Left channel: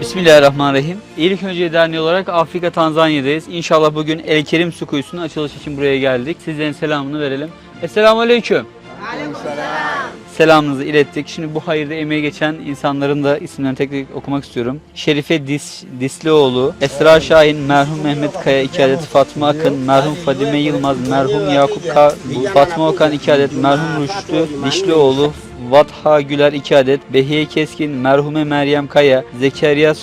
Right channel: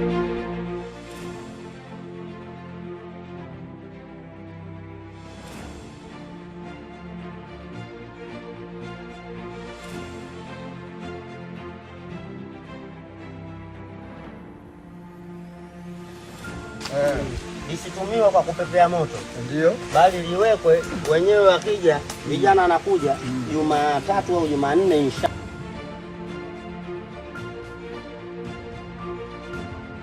Bismillahirrahmanirrahim. İyilik Önce Derneği olarak Afrika Tanzanya'dayız. İnşallah bugün El Kerim Su Kuyusu'nun açılış için buraya geldik. Sizlerin selamını verelim. Esselamu Aleyküm. Selamınızı ilettik. Şimdi bu hayırda emeği geçen insanların da isimlerini tek tek okumak istiyorum. Şerife Dis, Dislioğlu, Esra Şahin, merhum Mehmet Kaya 2 adet, Fatma Akın, merhum Fadime Yılmaz, merhum Yakup Ka, Fatma Okan 2 adet, merhum Rüştü Dişlioğlu, Vatha Güler 2 adet, Behiye Keskin, merhume Meryem Kaya, Zekeriya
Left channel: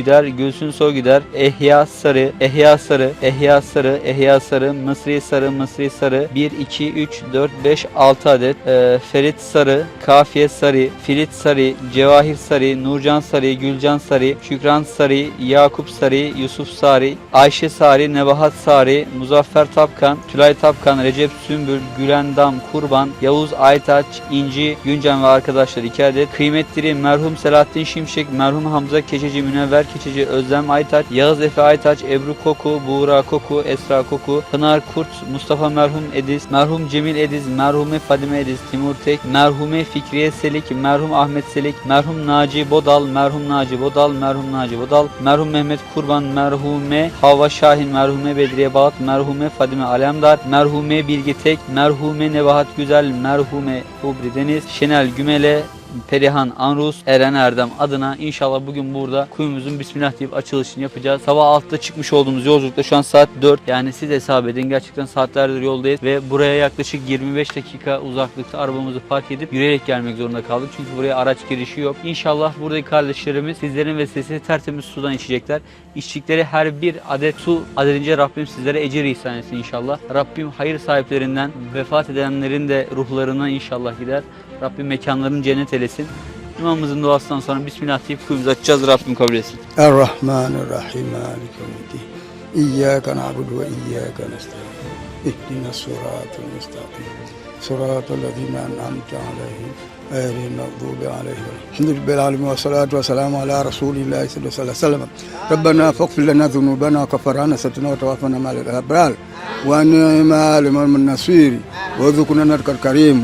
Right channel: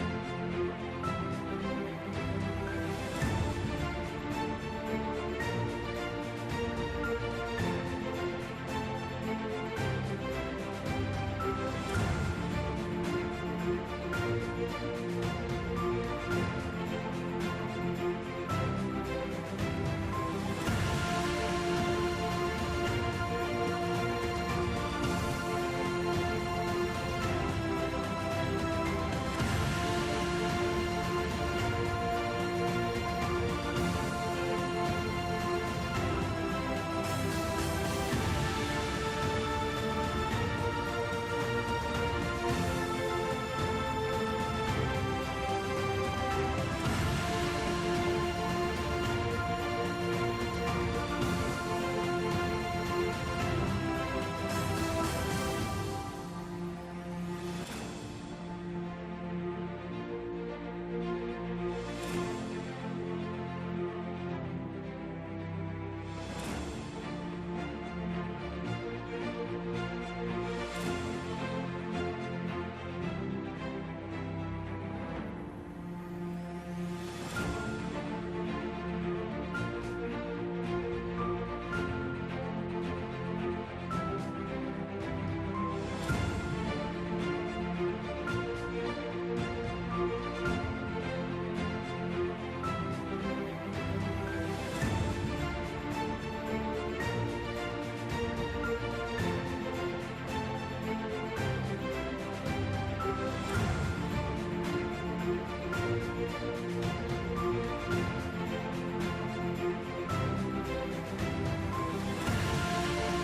Soygüder, Gülsün Soygüder, Ehya Sarı, Ehya Sarı, Ehya Sarı, Ehya Sarı, Mısri Sarı, Mısri Sarı, 1, 2, 3, 4, 5, 6 adet, Ee, Ferit Sarı, Kafiye Sarı, Filit Sarı, Cevahir Sarı, Nurcan Sarı, Gülcan Sarı, Şükran Sarı, Yakup Sarı, Yusuf Sarı, Ayşe Sarı, Nebahat Sarı, Muzaffer Tapkan, Tülay Tapkan, Recep Sümbül, Gülen Dam, Kurban, Yavuz Aytaç, İnci, Güncan ve arkadaşlar 2 adet, kıymetli merhum Selahattin Şimşek, merhum Hamza Keçeci, Münevver Keçeci, Özlem Aytaç, Yağız Efe Aytaç, Ebru Koku, Buğra Koku, Esra Koku, Pınar Kurt, Mustafa merhum Ediz, merhum Cemil Ediz, merhume Fadime Ediz, Timur Tek, merhume Fikriye Selik, merhum Ahmet Selik, merhum Naci Bodal, merhum Naci Bodal, merhum Naci Bodal, merhum Mehmet Kurban, merhume Hava Şahin, merhume Bedriye Balat, merhume Fadime Alemdar, merhume Bilgi Tek, merhume Nebahat Güzel, merhume Kubri Deniz, Şenel Gümele, Perihan Anrus, Eren Erdem adına inşallah bugün burada kuyumuzun Bismillah deyip açılışını yapacağız. Sabah 6'da çıkmış olduğumuz yolculukta şu an saat 4. Yani siz hesap edin gerçekten saatlerdir yoldayız ve buraya yaklaşık 25 dakika uzaklıkta arabamızı park edip yürüyerek gelmek zorunda kaldık. Çünkü buraya araç girişi yok. İnşallah buradaki kardeşlerimiz sizlerin vesilesiyle tertemiz sudan içecekler. İçtikleri her bir adet su adedince Rabbim sizlere ecir ihsan etsin inşallah. Rabbim hayır sahiplerinden vefat edenlerin de ruhlarına inşallah gider. Rabbim mekanlarını cennet eylesin. İmamımızın duasından sonra Bismillah deyip kuyumuzu açacağız Rabbim kabul etsin. Errahmanirrahim. İyyâke na'budu ve iyyâke nesta'in. İhdina sırâtul müstakîm. Sırâtul lezîne en'amte aleyhim. Eğrin mağdubi aleyhim. Elhamdülillah alemin ve salatu ve selamu ala Resulillah sallallahu aleyhi ve sellem. Rabbena fakfir lena zunubena kafarana setuna ve tevafana ma'l-ebral. Ve ni'ma liman min nasir. Ve zukuna karim.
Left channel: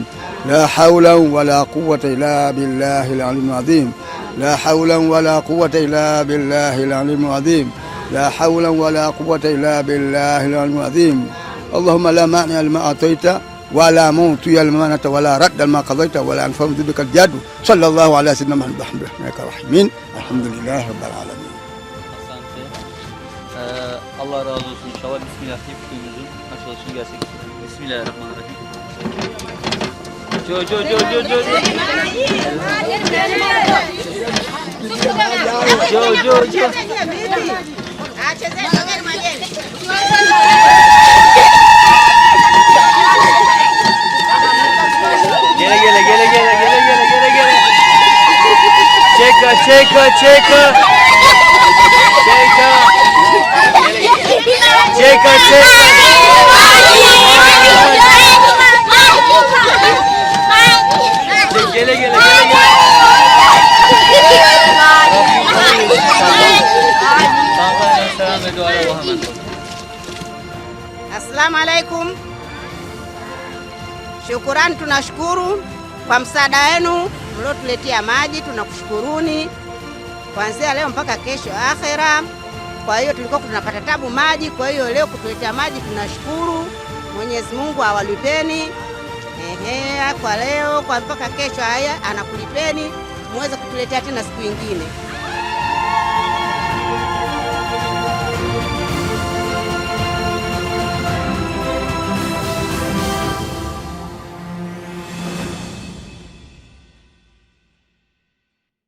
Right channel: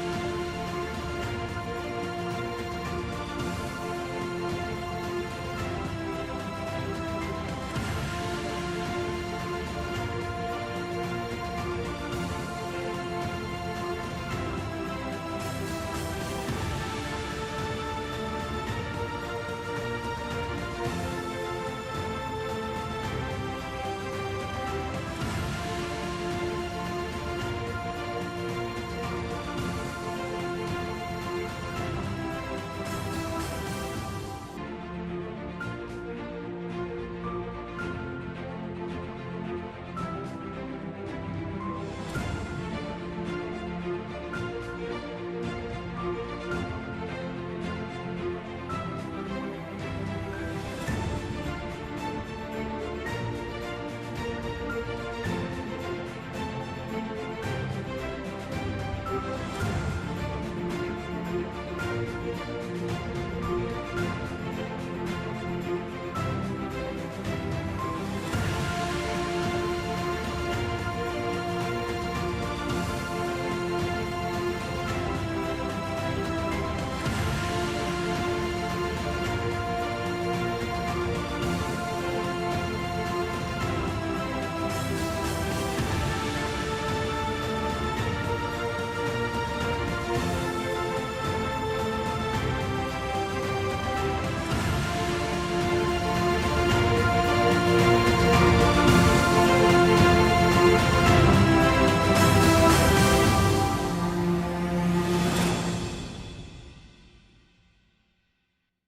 لا حول ولا قوة إلا بالله العلي العظيم لا حول ولا قوة إلا بالله العلي العظيم لا حول ولا قوة إلا بالله العلي العظيم اللهم لا مانع لما أعطيت ولا لما منعت ولا رد لما قضيت ولا ينفع ذلك الجد صلى الله على سيدنا محمد الحمد لله الرحيم الحمد لله رب العالمين Allah razı olsun. Bismillah deyip kuyumuzun açılışını gerçekleştirelim. Bismillahirrahmanirrahim. Yo yo yo yo yo. Yo yo yo. Gele gele gele gele gele gele gele gele. Çeka çeka çeka. Çeka. Çeka çeka. Duaya Assalamu alaikum. Shukurani, tunashukuru kwa msaada wenu mliotuletea maji, tunakushukuruni kuanzia leo mpaka kesho akhera. Kwa hiyo tulikuwa tunapata tabu maji, kwa hiyo leo kutuletea maji tunashukuru. Mwenyezi Mungu awalipeni. Ehe, kwa leo kwa mpaka kesho haya anakulipeni, muweze kutuletea tena siku nyingine.